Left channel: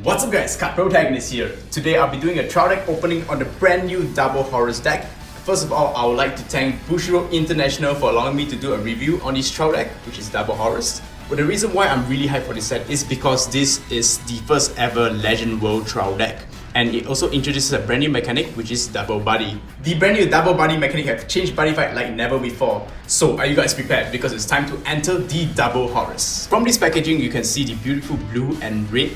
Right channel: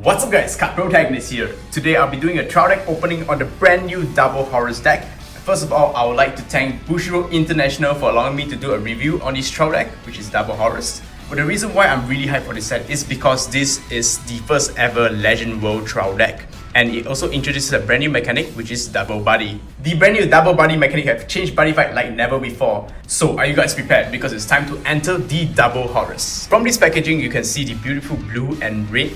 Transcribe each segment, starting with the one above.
What's up guys, Card Protagonist here. Today I'll be doing a trial deck opening on the brand new Double Horus deck. First of all, I would like to thank Bushiroad International for allowing me to do a review on this trial deck, which is Double Horus. But the reason why I'm really hyped for this set is because this is the first ever Legend World trial deck. And it also introduces a brand new mechanic, which is Double Buddy. The brand new Double Buddy mechanic have changed Buddyfight like never before. So are you guys prepared? Because it's time to enter the Double Horus. From this packaging, you can see the beautiful blue and red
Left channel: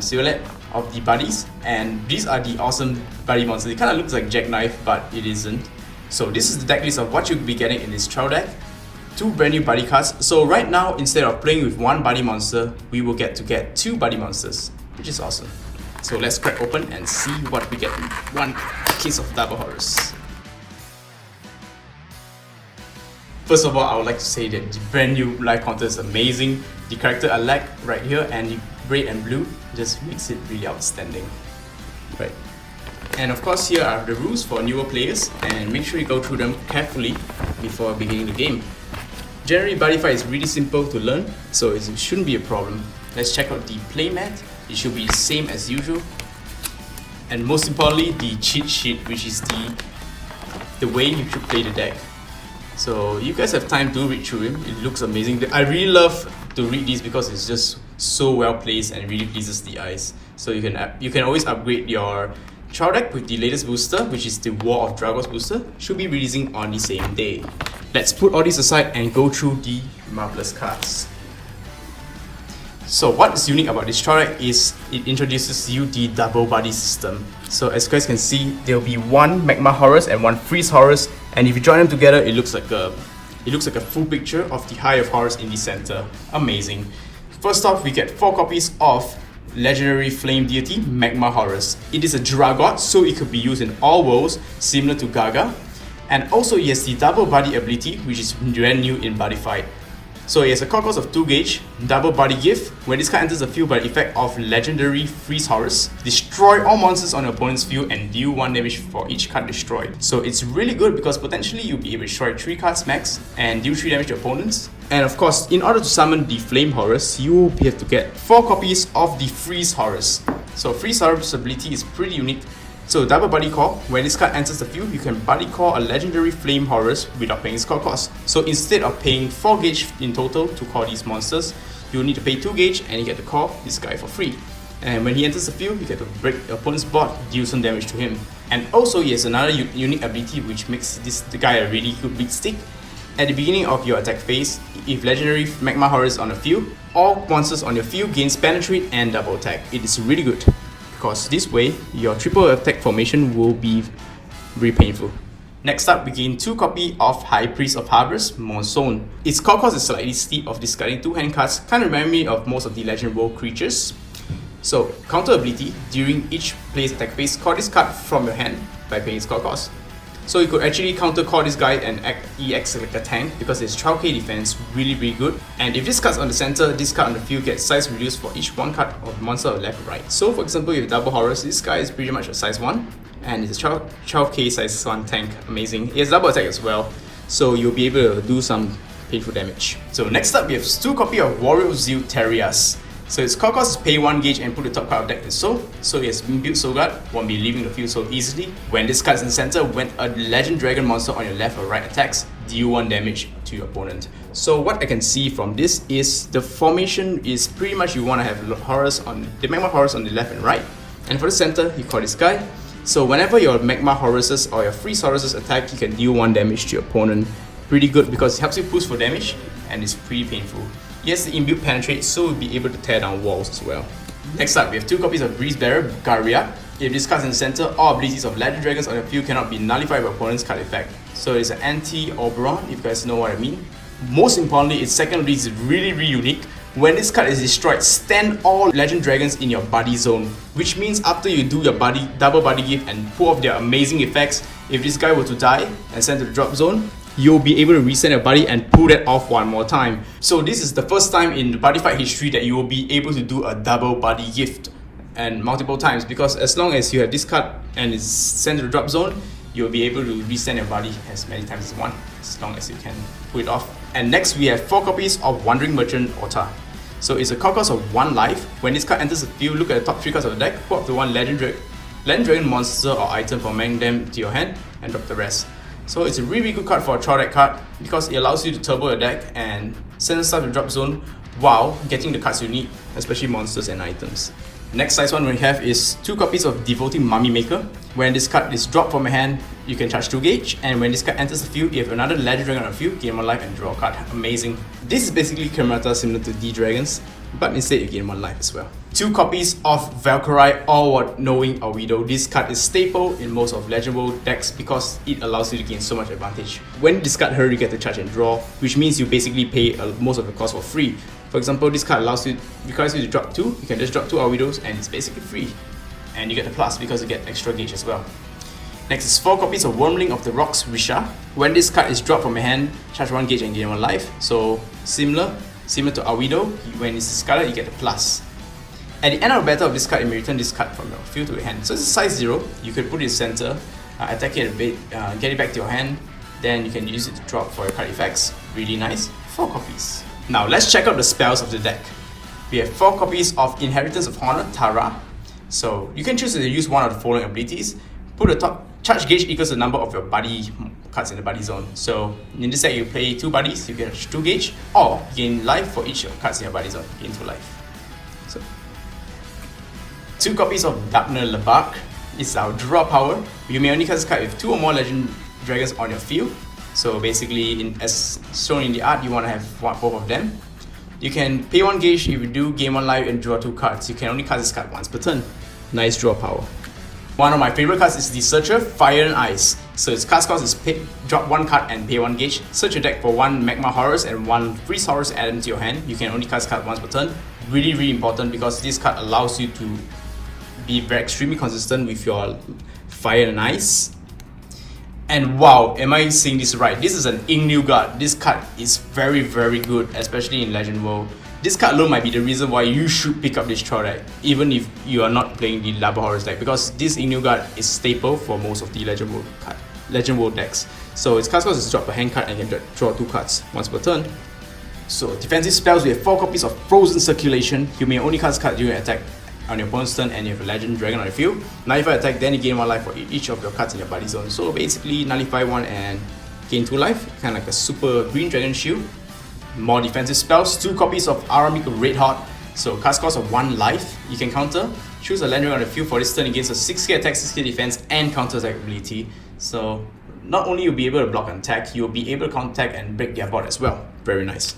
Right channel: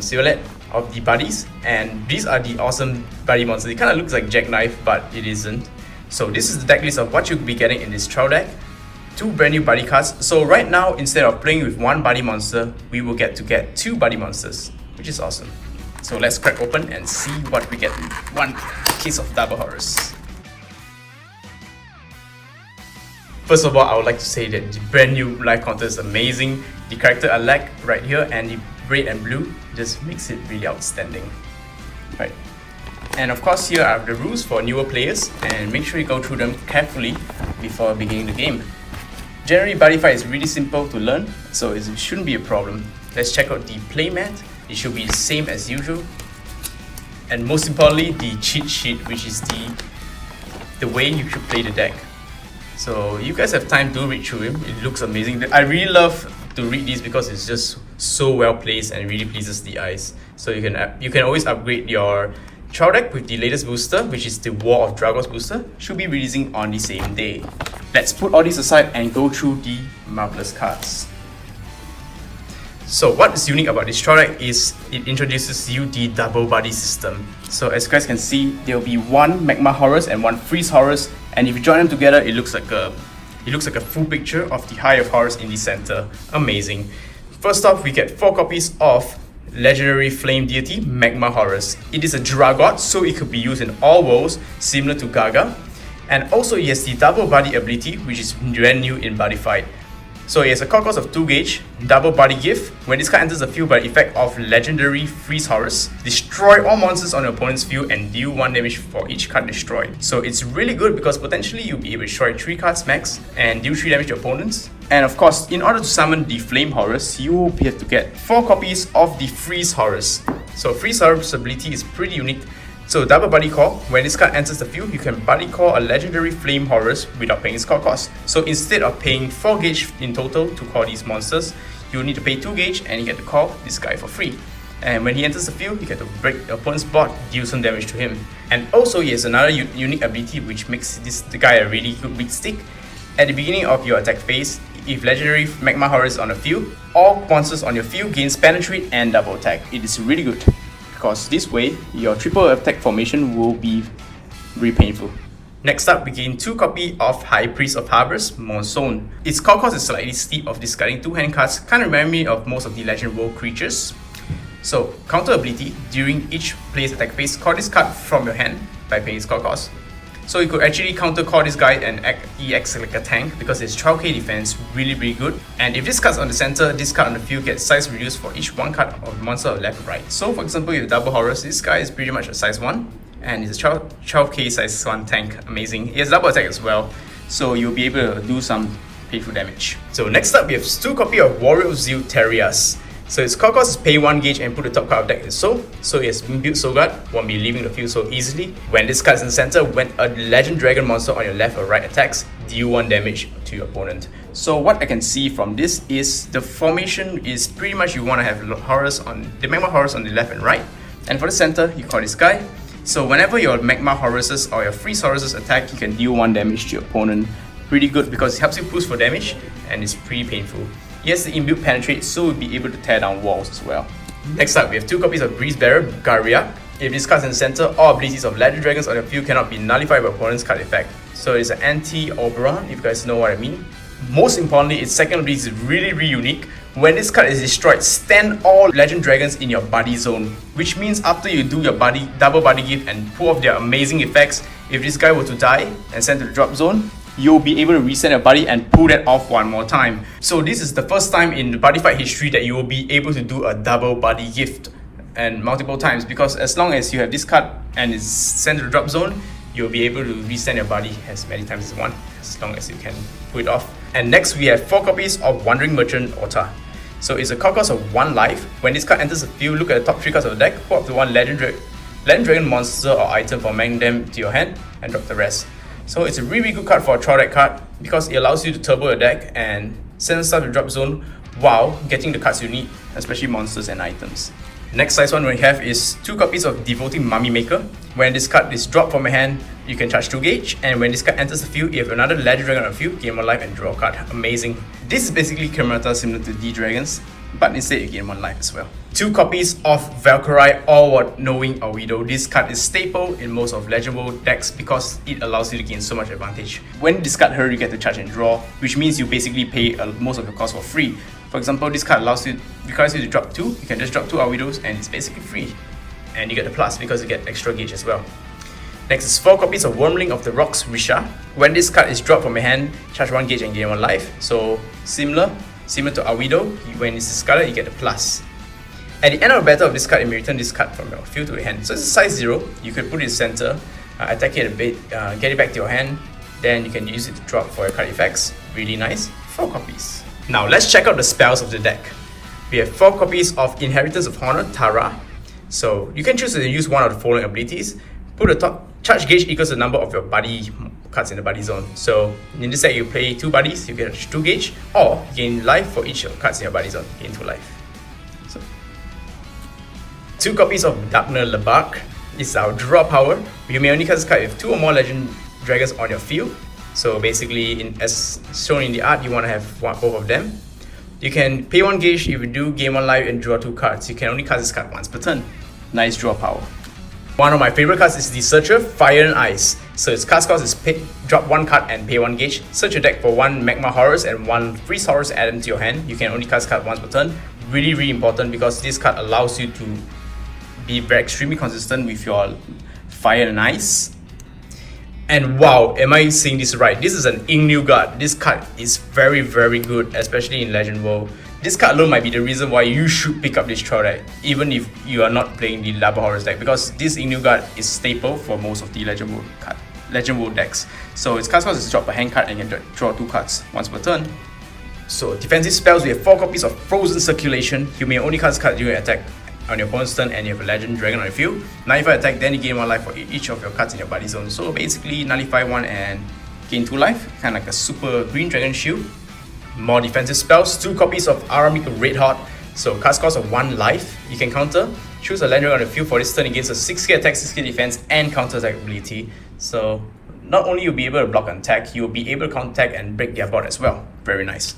silhouette of the buddies, and these are the awesome buddy monsters. It kind of looks like Jackknife, but it isn't. So this is the deck list of what you'll be getting in this trial deck. Two brand new buddy cards. So right now, instead of playing with one buddy monster, we will get two buddy monsters, which is awesome. So let's crack open and see what we get in one case of Double Horus. First of all, I would like to say that the brand new life counter is amazing. The character I like right here, and the red and blue just makes it really outstanding. Right. And of course, here are the rules for newer players, and make sure you go through them carefully before beginning the game. Generally, Buddyfight is really simple to learn, so it shouldn't be a problem. Let's check out the playmat. It should be the same as usual. And most importantly, the cheat sheet, which is the way you should play the deck. So you guys have time to read through it. It looks amazing. I really love to read these because it's just so well placed and really pleases the eyes. So you can always upgrade your trial deck with the latest booster, which is the War of Dragons booster. Should be releasing on the same day. Let's put all these aside and go through the marvelous cards. So what is unique about this trial deck is it introduces you the double buddy system. So as you guys can see, there will be one Magma Horus and one Freeze Horus, and if you join them together, it looks like a full picture of the High of Horus in the center. Amazing. First off, we get 4 copies of legendary flame deity Magma Horus. It is a Dragot, so it could be used in all worlds, similar to Gaga. And also it has the double buddy ability, which is brand new in Buddyfight. So it has a core cost of 2 gauge, double buddy gift. When this card enters the field by the effect of legendary Freeze Horus, destroy all monsters on your opponent's field and deal 1 damage for each card destroyed. So it's really good because potentially you'll be able to destroy 3 cards max and deal 3 damage to opponents. And of course, in order to summon the Flame Horus, you have to get 4 copies of the Freeze Horus. So Freeze Horus' ability is pretty unique. So double buddy core, when this card enters the field, you can buddy core a legendary Flame Horus without paying its core cost. So instead of paying 4 gauge in total to core these monsters, you'll need to pay 2 gauge and you get to core this guy for free. And when he enters the field, you get to break the opponent's board, deal some damage to him. And also he has another unique ability which makes the guy a really good beat stick. At the beginning of your attack phase, if legendary Magma Horus is on the field, all monsters on your field gains penetrate and double attack. It is really good, because this way, your triple attack formation will be very painful. Next up, we gain 2 copies of High Priest of Harbors, Monsoon. Its core cost is slightly steep of discarding 2 hand cards, kind of remind me of most of the Legend World creatures. So, counter ability, during each player's attack phase, call this card from your hand by paying its core cost. So you could actually counter call this guy and he acts like a tank because his 12k defense really good. And if this card's on the center, this card on the field gets size reduced for each 1 card of monster left or right. So for example, with Double Horus, this guy is pretty much a size 1 and he's a 12k size 1 tank. Amazing. He has double attack as well, so you'll be able to do some painful damage. So next up, we have 2 copies of Warrior Zeal Terrias. So its core cost is pay 1 gauge and put the top card of deck in soul. So it has been built Soul Guard, won't be leaving the field so easily. When this card is in the center, when a legend dragon monster on your left or right attacks, deal 1 damage to your opponent. So what I can see from this is the formation is pretty much you want to have the Magma Horus on the left and right. And for the center, you call this guy. So whenever your Magma Horuses or your Freeze Horuses attack, you can deal 1 damage to your opponent. Pretty good because it helps you push for damage and it's pretty painful. Yes, the inbuilt penetrate, so we'll be able to tear down walls as well. Next up, we have 2 copies of Breeze Bearer, Garia. If this card's in the center, all abilities of Legend Dragons on your field cannot be nullified by opponent's card effect. So it's an anti-Oberon, if you guys know what I mean. Most importantly, its second ability is really unique. When this card is destroyed, stand all Legend Dragons in your buddy zone. Which means after you do your double buddy gift and pull off their amazing effects, if this guy were to die and send to the drop zone, you'll be able to reset your buddy and pull that off 1 more time. So this is the first time in the Buddyfight history that you will be able to do a double buddy gift and multiple times, because as long as you have this card and it's sent to the drop zone, you'll be able to resend your buddy as many times as you want, as long as you can pull it off. And next we have 4 copies of Wandering Merchant Ota. So it's a card cost of 1 life. When this card enters the field, look at the top 3 cards of the deck, pull up to 1 Legend Dragon monster or item for making them to your hand, and drop the rest. So it's a really good card for a trial deck card because it allows you to turbo your deck and send stuff to drop zone while getting the cards you need, especially monsters and items. Next size one we have is 2 copies of Devoting Mummy Maker. When this card is dropped from your hand, you can charge 2 gauge, and when this card enters the field, you have another Legend Dragon on the field, gain 1 life and draw a card. Amazing. This is basically Karamata similar to D-Dragons, but instead you gain 1 life as well. 2 copies of Valkyrie or Knowing Widow. This card is staple in most of Legend World decks because it allows you to gain so much advantage. When you discard her, you get to charge and draw, which means you basically pay most of the cost for free. For example, this card requires you to drop 2, you can just drop 2 Widows and it's basically free. And you get the plus because you get extra gauge as well. Next is 4 copies of Wormling of the Rocks Risha. When this card is dropped from your hand, charge 1 gauge and gain 1 life. So similar to Widow, when it's discarded, you get the plus. At the end of the battle of this card, you may return this card from your field to your hand. So it's a size 0, you can put it in the center, attack it a bit, get it back to your hand, then you can use it to drop for your card effects. Really nice. 4 copies. Now let's check out the spells of the deck. We have 4 copies of Inheritance of Honor, Tara. So you can choose to use one of the following abilities. Put the top charge gauge equals the number of your buddy cards in the buddy zone. So in this set you play 2 buddies, you get 2 gauge, or gain life for each of cards in your buddy zone, gain 2 life. So 2 copies of Dagna Lebak is our draw power. You may only cast this card with 2 or more Legend Dragons on your field. So basically, as shown in the art, you want to have both of them. You can pay 1 gauge if you do, gain 1 life and draw 2 cards. You can only cast this card once per turn. Nice draw power. One of my favorite cards is the Searcher, Fire and Ice. So its cast cost is drop 1 card and pay 1 gauge. Search your deck for 1 Magma Horus and 1 Freeze Horus added to your hand. You can only cast card once per turn. Really important because this card allows you to be very extremely consistent with your Fire and Ice. And wow, am I saying this right? This is an Ing-New guard. This card is very good, especially in Legend World. This card alone might be the reason why you should pick up this trial deck, even if you are not playing the Double Horus deck, because this Ing-New guard is staple for most of the Legend World decks. So its cast cost is drop a hand card and you can draw 2 cards once per turn. So defensive spells, we have 4 copies of Frozen Circulation. You may only cast card during attack on your opponent's turn and you have a Legend Dragon on your field. Nullify attack, then you gain 1 life for each of your cards in your buddy zone. So basically nullify 1 and gain 2 life, kind of like a super green dragon shield. More defensive spells, 2 copies of Aramik Red Hot. So cast cost of 1 life, you can counter. Choose a Legend Dragon on the field for this turn against a 6k attack, 6k defense and counter attack ability. So not only you'll be able to block and attack, you'll be able to counter attack and break their board as well. Very nice.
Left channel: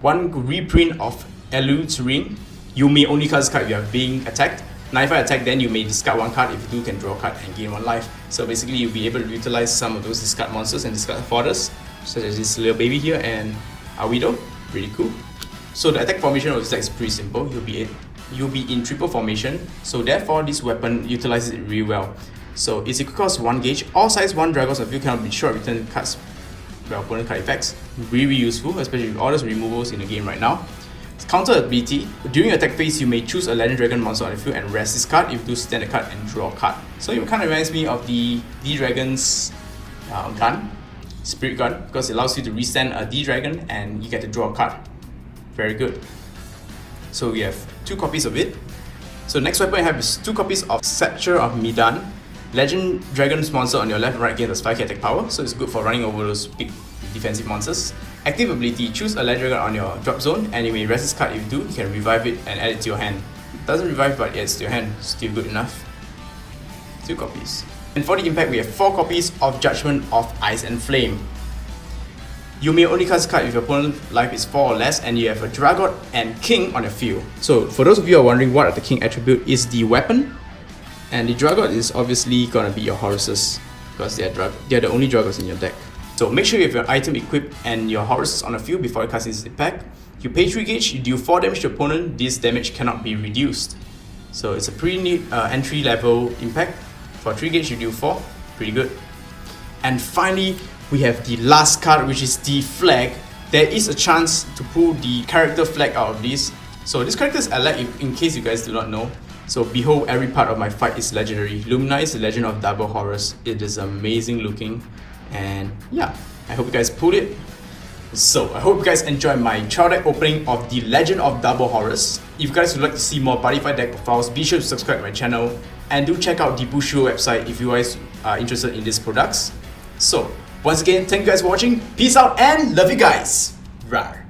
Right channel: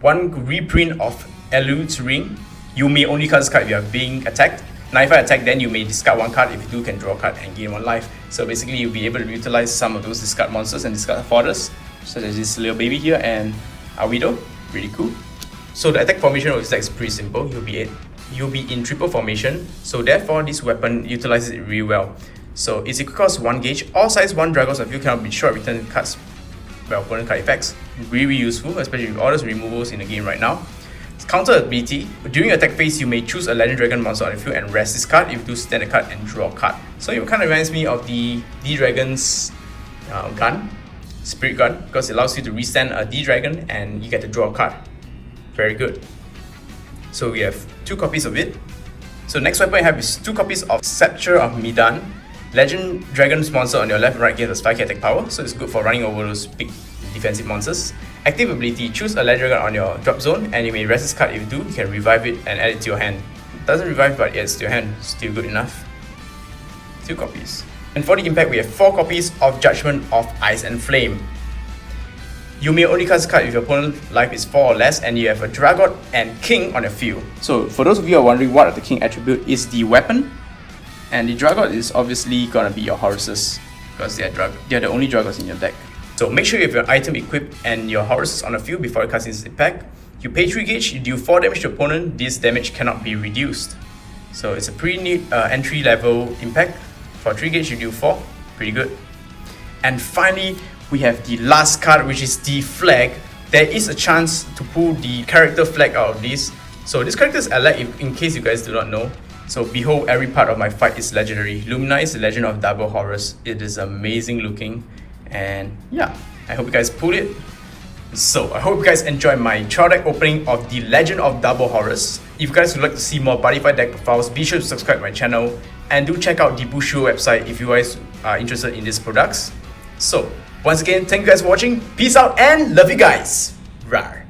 1 reprint of Elude's Ring. You may only cast this card if you are being attacked. Nullify attack, then you may discard 1 card. If you do, can draw a card and gain 1 life. So basically you'll be able to utilize some of those discard monsters and discard fodder, such as this little baby here and a Widow. Really cool. So the attack formation of this deck is pretty simple. You'll be in triple formation, so therefore this weapon utilizes it really well. So it's equal cost 1 gauge. All size 1 dragons of you cannot be short return cards. Well, opponent card effects. Really useful, especially with all those removals in the game right now. Counter ability. During your attack phase, you may choose a Legend Dragon monster on the field and rest this card. If you do, stand a card and draw a card. So it kind of reminds me of the D-Dragon's gun, Spirit Gun, because it allows you to restand a D-Dragon and you get to draw a card. Very good. So we have 2 copies of it. So next weapon I have is 2 copies of Scepter of Midan. Legend Dragon's monster on your left and right gains 5k attack power, so it's good for running over those big defensive monsters. Active ability, choose a Legend Dragon on your drop zone and you may rest this card. If you do, you can revive it and add it to your hand. It doesn't revive, but yeah, it's to your hand, still good enough. 2 copies. And for the impact, we have 4 copies of Judgment of Ice and Flame. You may only cast a card if your opponent's life is 4 or less and you have a Dragon and King on your field. So for those of you who are wondering what the King attribute is, the weapon, and the Dragon is obviously gonna be your Horuses, because they're the only Dragons in your deck. So make sure you have your item equipped and your Horus on the field before you cast this impact. You pay 3 gauge, you deal 4 damage to your opponent, this damage cannot be reduced. So it's a pretty neat entry level impact. For 3 gauge you deal 4, pretty good. And finally, we have the last card, which is the flag. There is a chance to pull the character flag out of this. So this character is allied in case you guys do not know. So behold, every part of my fight is legendary. Lumina is the Legend of Double Horus. It is amazing looking. And yeah, I hope you guys pulled it. So I hope you guys enjoyed my trial deck opening of the Legend of Double Horus. If you guys would like to see more Buddyfight deck profiles, be sure to subscribe to my channel and do check out the Bushido website if you guys are interested in these products. So once again, thank you guys for watching. Peace out and love you guys. Rawr.